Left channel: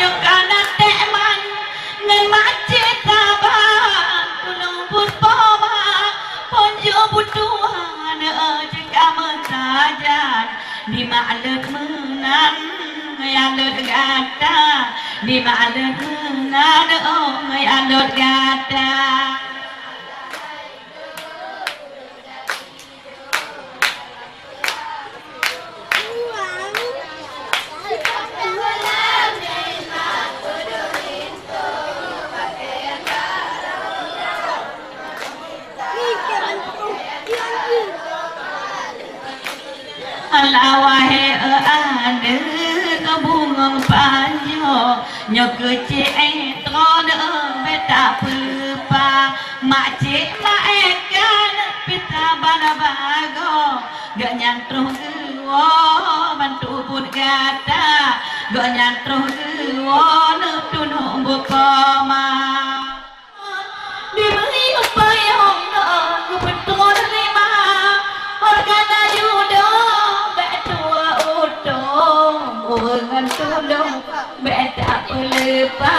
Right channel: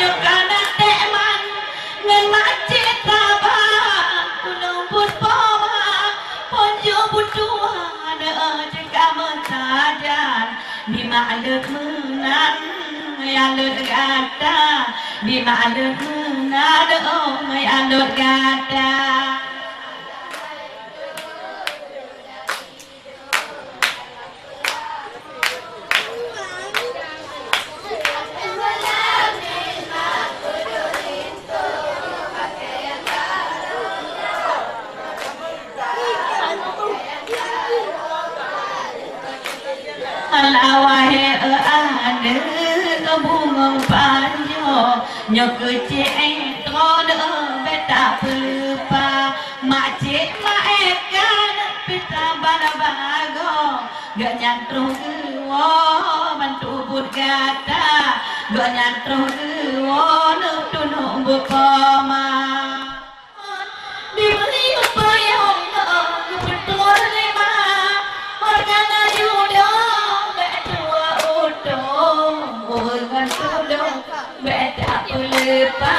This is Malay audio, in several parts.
nhok kana teman ngai macet kaba nubut poma ponjo butuhan jika mentajan di malet menang alut gata di malet menang alut gata alawahe ade bunga panjo nyok ce to de beta pupa mace la ekan pita bana bago ganyan truwo bantu burgata ganyan truwo no tunu bukoma diberi bayam betul lima organa yudo ketua udo ugan tudo beta ulepa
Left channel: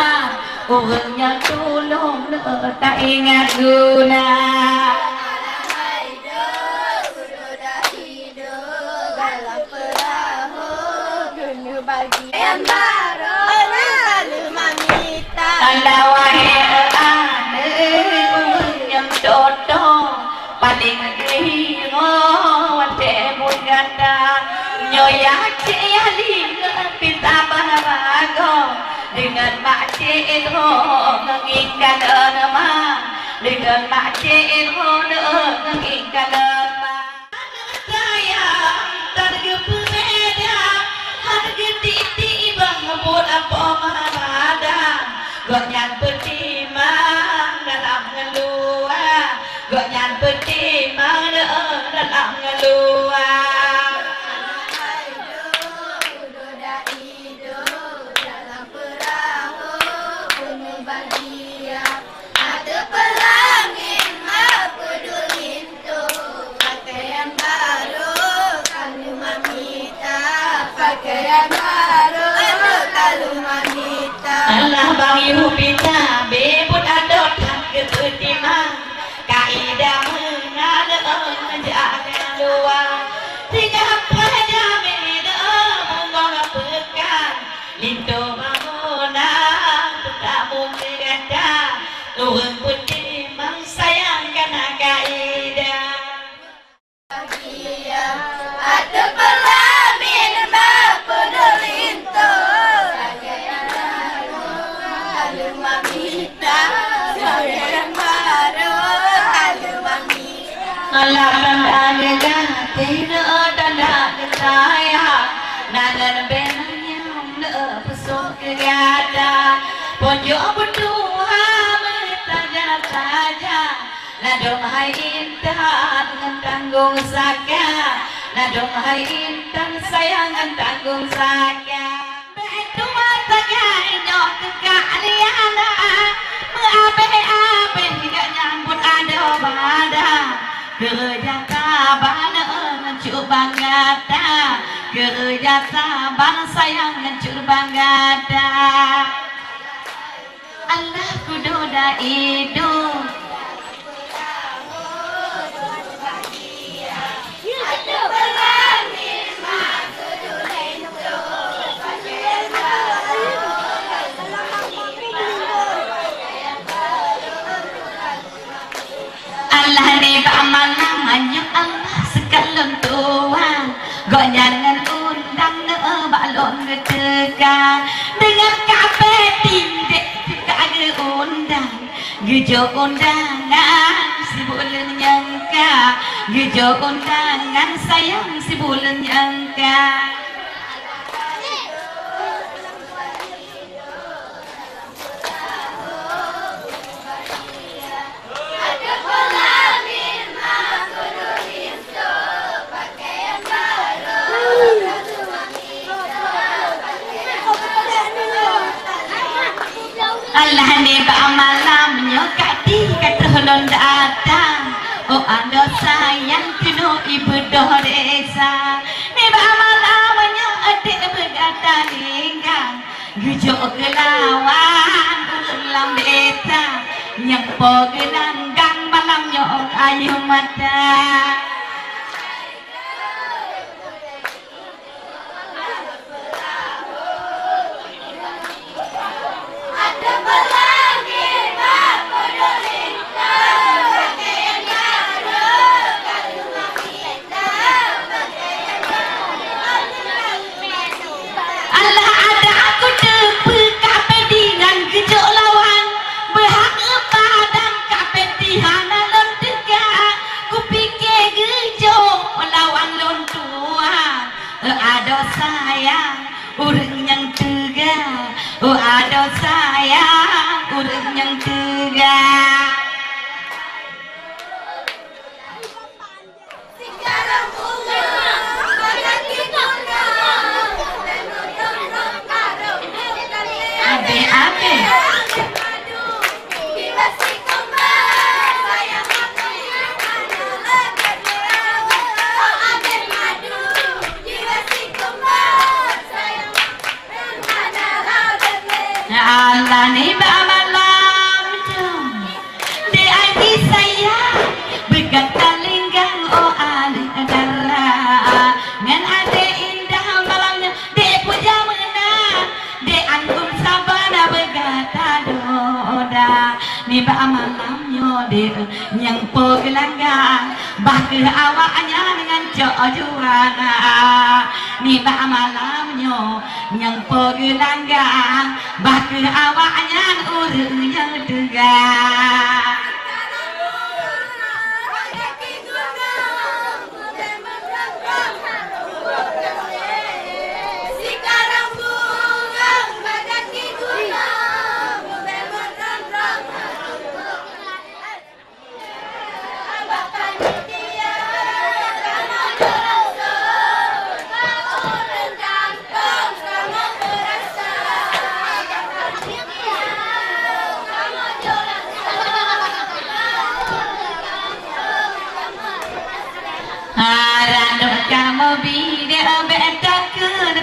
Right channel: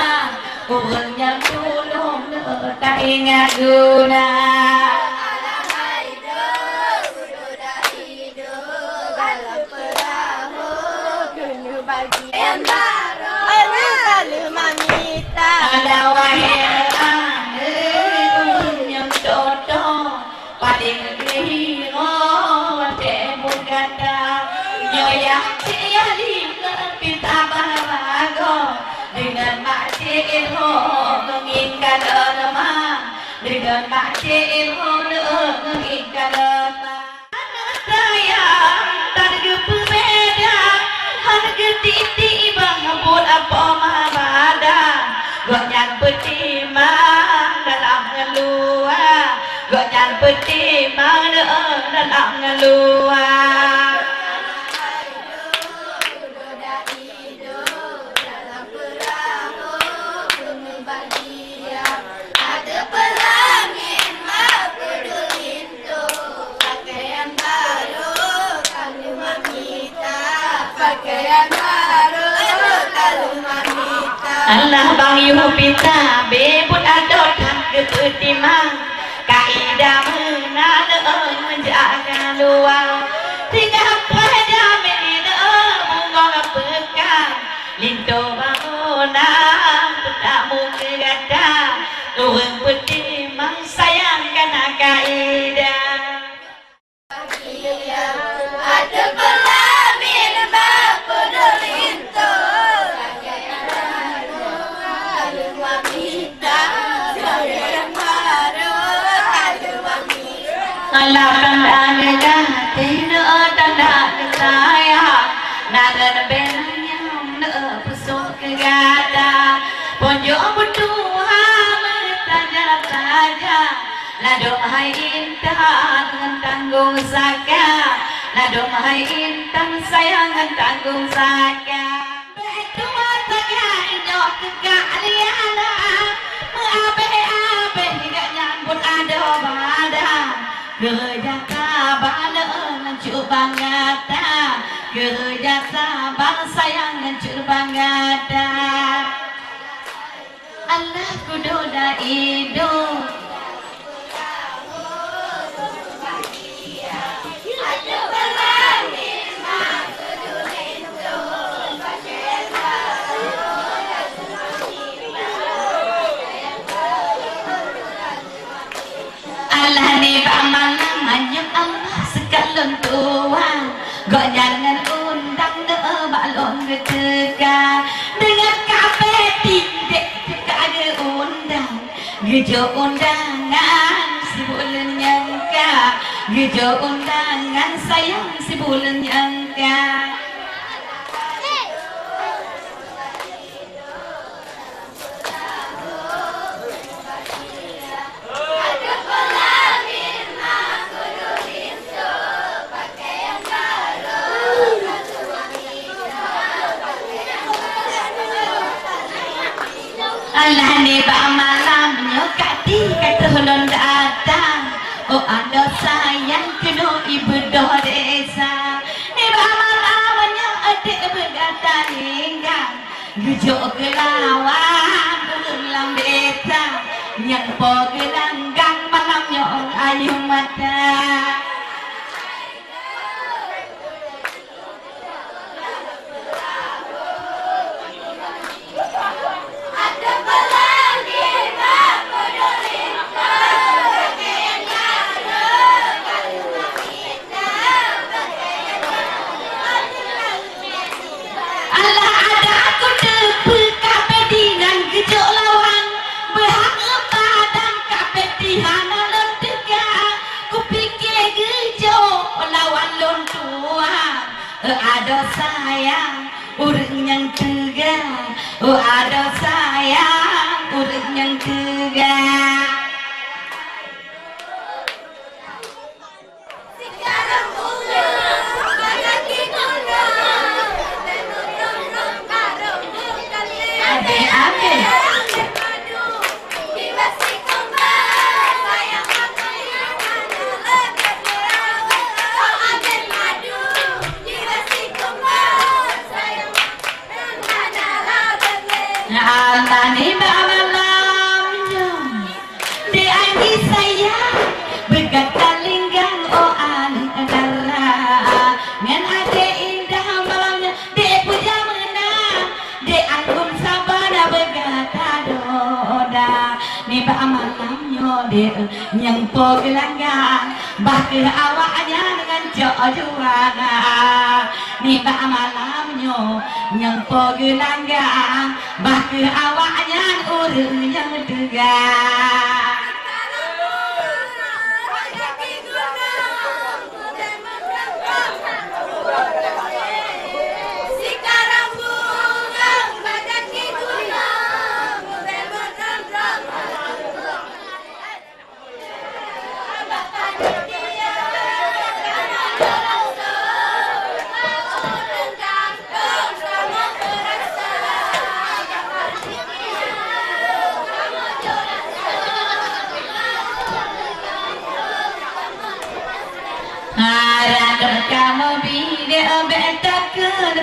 ugan tulung tak ingat guna dengan makcik ilmu menginginkan nama dengan makcik ilmu menginginkan nama saya terkepeda harga titi bangun apa mahabadan gonyang petimang dalam ngeluar gonyang petimang dalam ngeluar Allah bayu pita bebut adot ketimang kain damai nale jaga luar tiga pada mede ngol pekan lintu mangona tak mungkin nuhun petimang sayang kana kaida ada pelamin alam tanda tidak tanda saya nalan benyam ne pesok gada ponjo betua bertanya saja nado hai intan tanggung saka nado hai intan sayang tanggung saka betu matanya indok kaliana abe tidak nyambut ada kerja sabar coba ngata kerja sabar sayang coba ngata Allah kudoda hidup Allah ni malam hanya Allah sekalem Tuhan gonyangan undang de balon tegang dengan kafe tindik kage undang gijo undangan si bulan nyangka gijo undangan sayang si bulan nyangka Allah ni malam nyokati kata non datang oh ando sayang keno ibu desa ni malam nyok adik berdatang hingga Gujuk gelawan ulang beta yang pogedanggang malamnya ayu mata. Ada sayang urang yang tega, oh ada sayang urang yang tega. Adik-adik alani babalamnya di ani saya begatal linggang oh adik agara ngan ade indah malamnya di puja menang di anggum sabana begata doda di malamnya di yang pogilangga bahkan awaknya dengan juraga di malamnya yang pogilangga bahkan awaknya urang yang tega. Kamu bida betak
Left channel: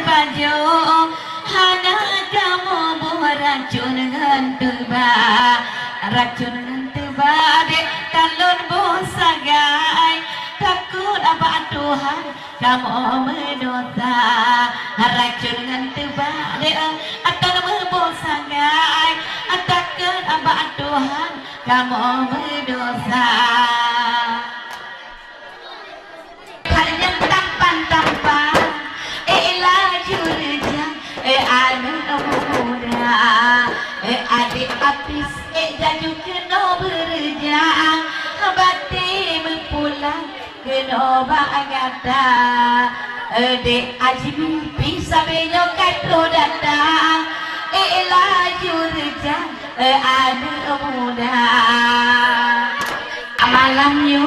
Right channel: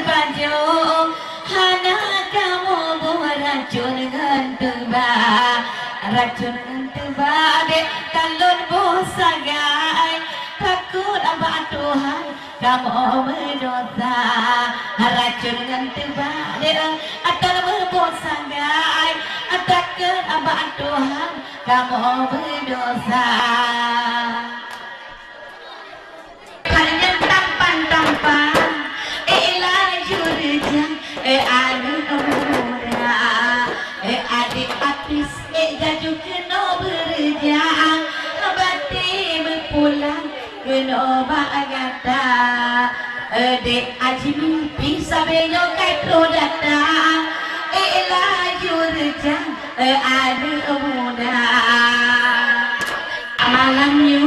panjo, hana kamu beracun tiba, racun tiba dek talon bosagai, takut apa Tuhan kamu berdosa, racun tiba dek talon bosagai, takut apa Tuhan kamu berdosa. Hanya tampan jurinya anu muda adik artis jaju kena berja bati berpulang kena bagata dek ajmi bisa belok kau datang jurinya anu muda malamnya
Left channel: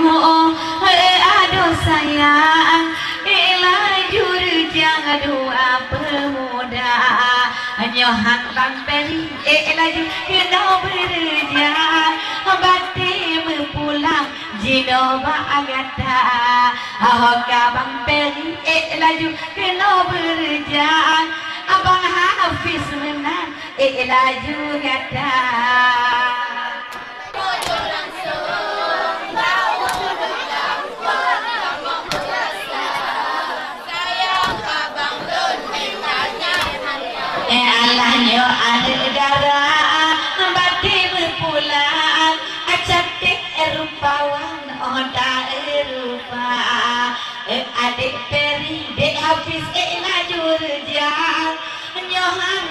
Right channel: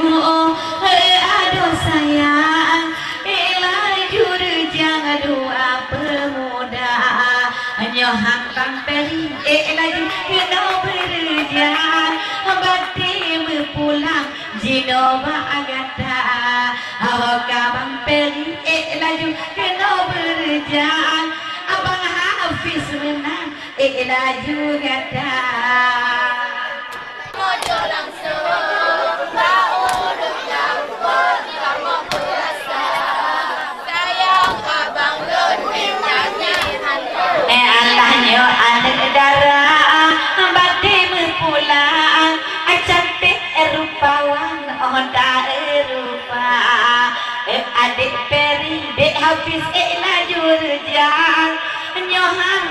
aduh sayang jangan doa pemuda hanya hambang beri lagi kena berjalan bati berpulang jino bagata awak abang beri lagi kena berjalan abang Hafiz menang lagi kata Allahnya ada darah bati berpulang cantik rupawan oda rupa adik peri dek Hafiz lajur jang nyohan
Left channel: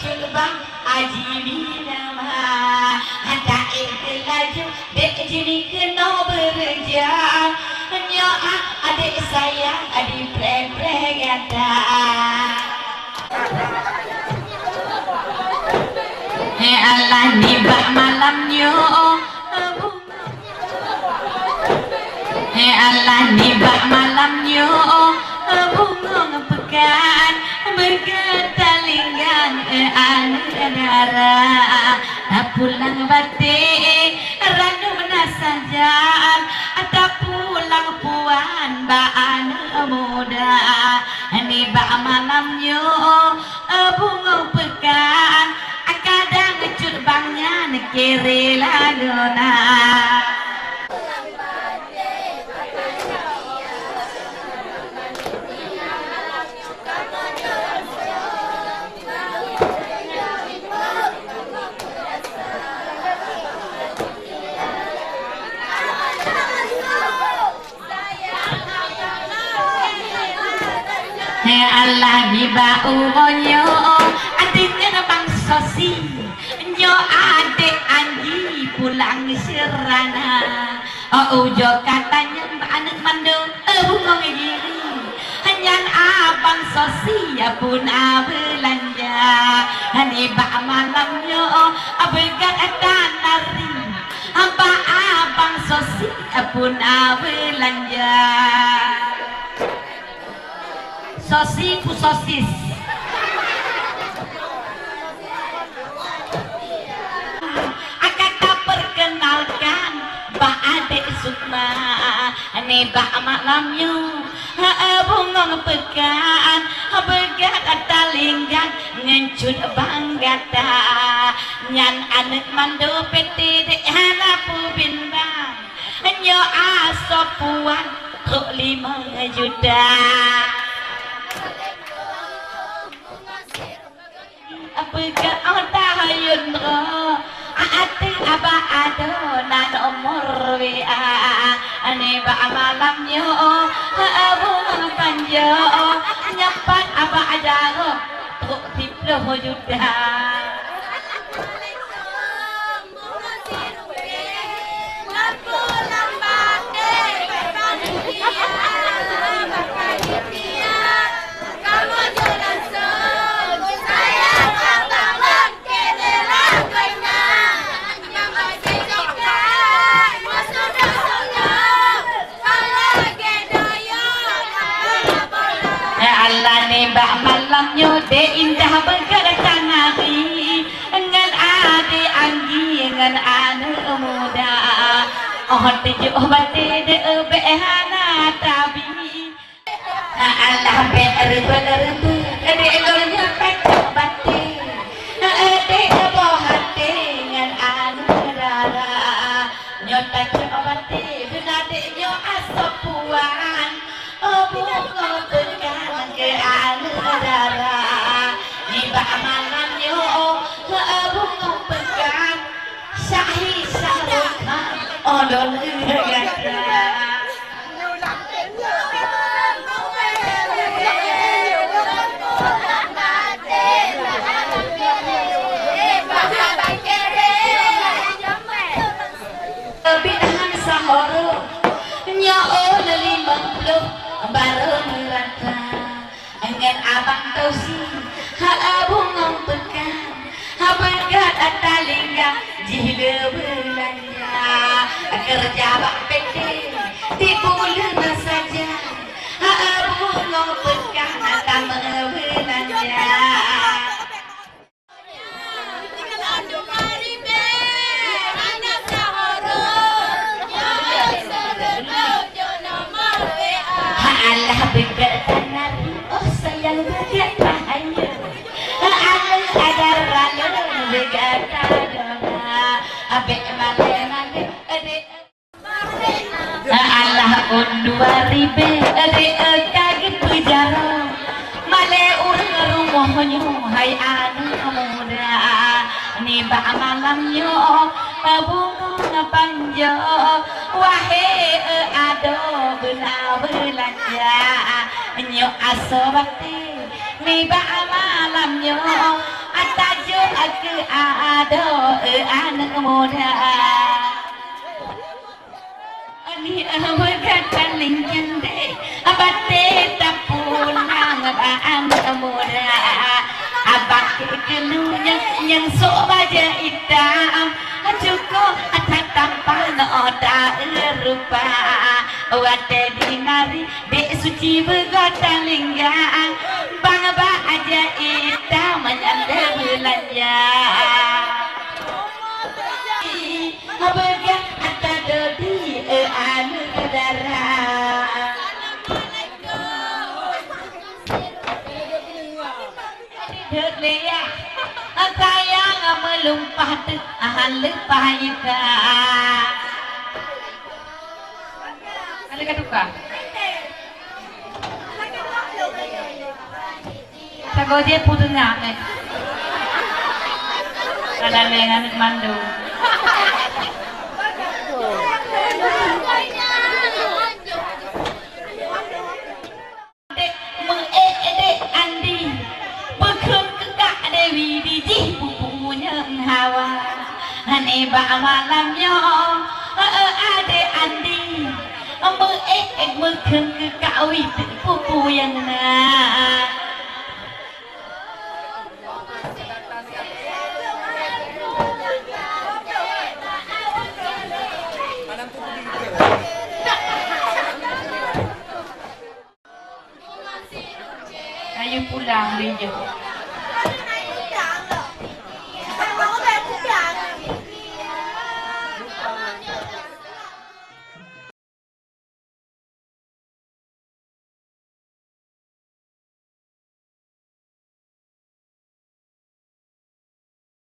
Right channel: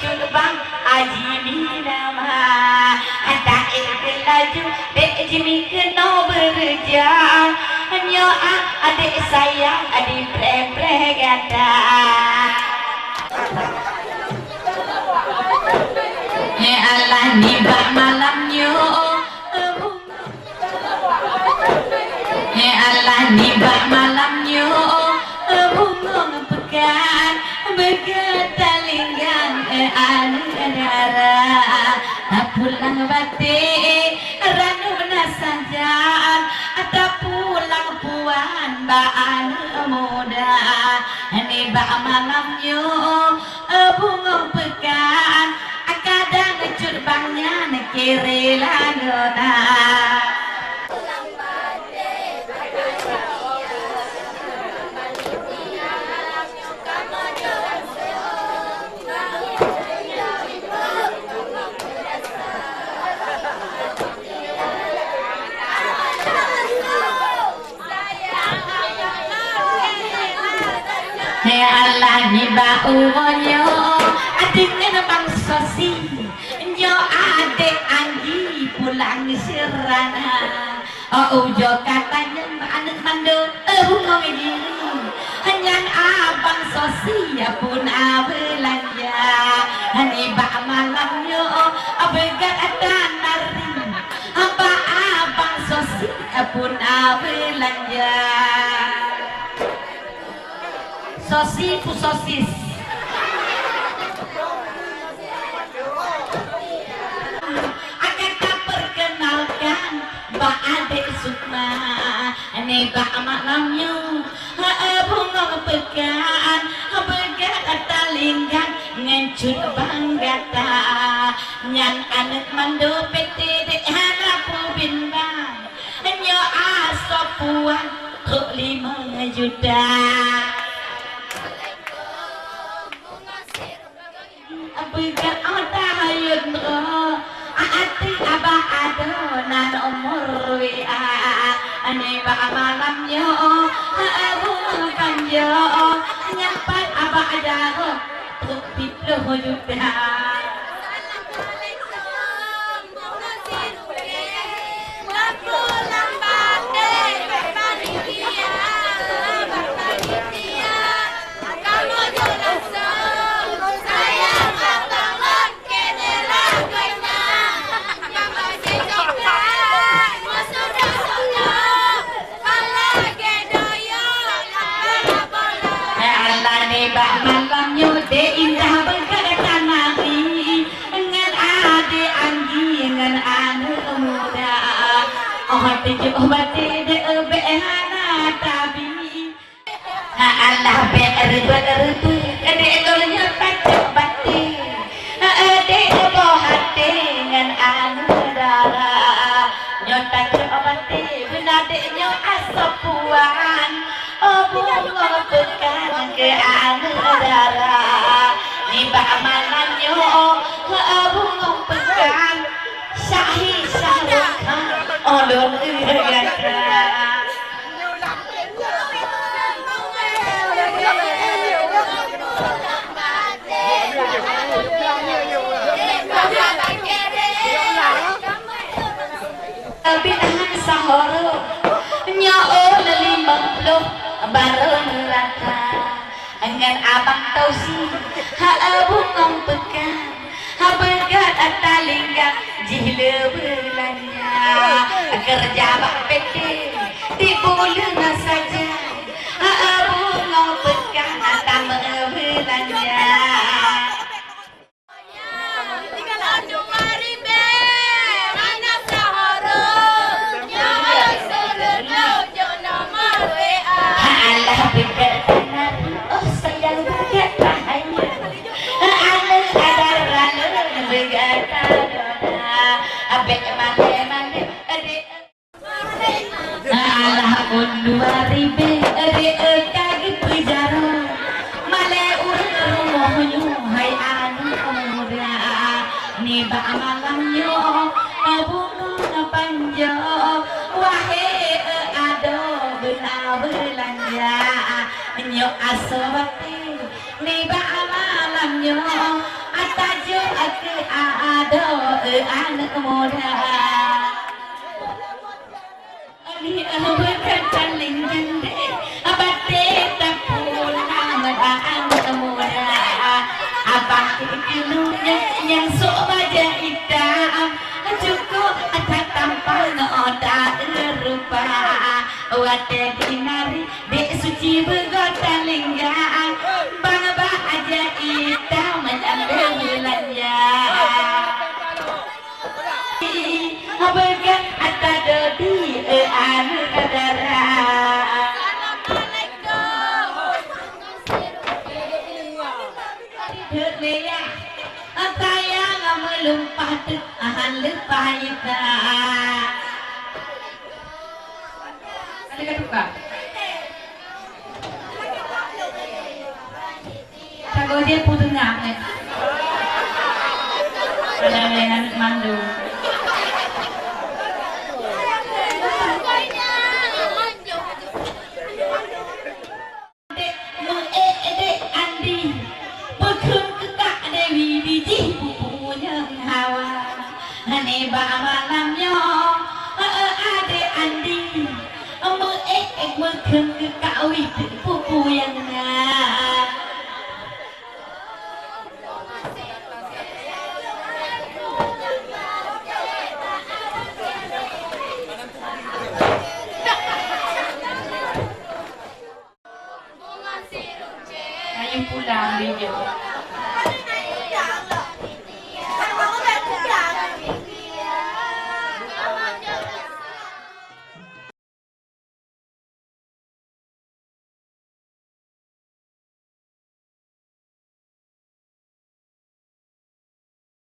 culbang aji nama ada lajur dek jini kena berjang nyohan adik sayang adik pre gada. Allah di malamnya Allah di malamnya bunga pekan berketalinggan anara pulang bati ranuna saja ada pulang puan baan muda ini malamnya bunga pekan kiri ladona. Allah ni bau yo adiknya bang sosi nyo adik Andi pulang serana ujo katanya anak mandu ngomong ini hanya abang sosi ya pun belanja hani bak malamnya abega tanari apa abang sosi ya pun belanja sosis ku sosis akan tak perkenalkan Pak Adik Sukma ini Pak malamnya bunga pekan begat talinggan ngencut banggata nyan adik mandu peti dek anak kubingan nyo asopuan kok 5 juta begat otak hayun ati apa ada nan umur WA ane ba malam yo bunga panjo nyampan apa aja kok 10 juta Bak malamnya de indah berkanari dengan adik Anggi dengan anak muda tujuh bati de beana tabi Allah bener tu adik tolnya pecah bati adik boh hati dengan anak darah nyotak bati bila deknya asopuan bunga pekan ke darah di bak malamnya bunga pekan syahi syarwakan olon binahan sahoro nyao 50 bareng rata dengan abang tausi bunga pekan begat talingga jile belanja kerja bak peti di bulan saja bunga pekan datang belanja Allah undua ribe gitu jarang male rumahnya hai anak muda ni bak malamnya bunga panjo wahai ado benar belanja nyok asobati ni bak malamnya atajo ke ado anak muda ni begat talinggan de abate tapung ang muda abang kenunya yang sok baja hitam cukup atas tampang oda rupa wate dinari de suci begat talinggan bang ba aja hitam menjadi bulannya begat atas dodi anak darah Leya, kaya melumpat halus baik ada kata apa sago dia putunya mana mandu ane ba malam yo ade anding me khum ke kawi pupu yang na ayo pulang dia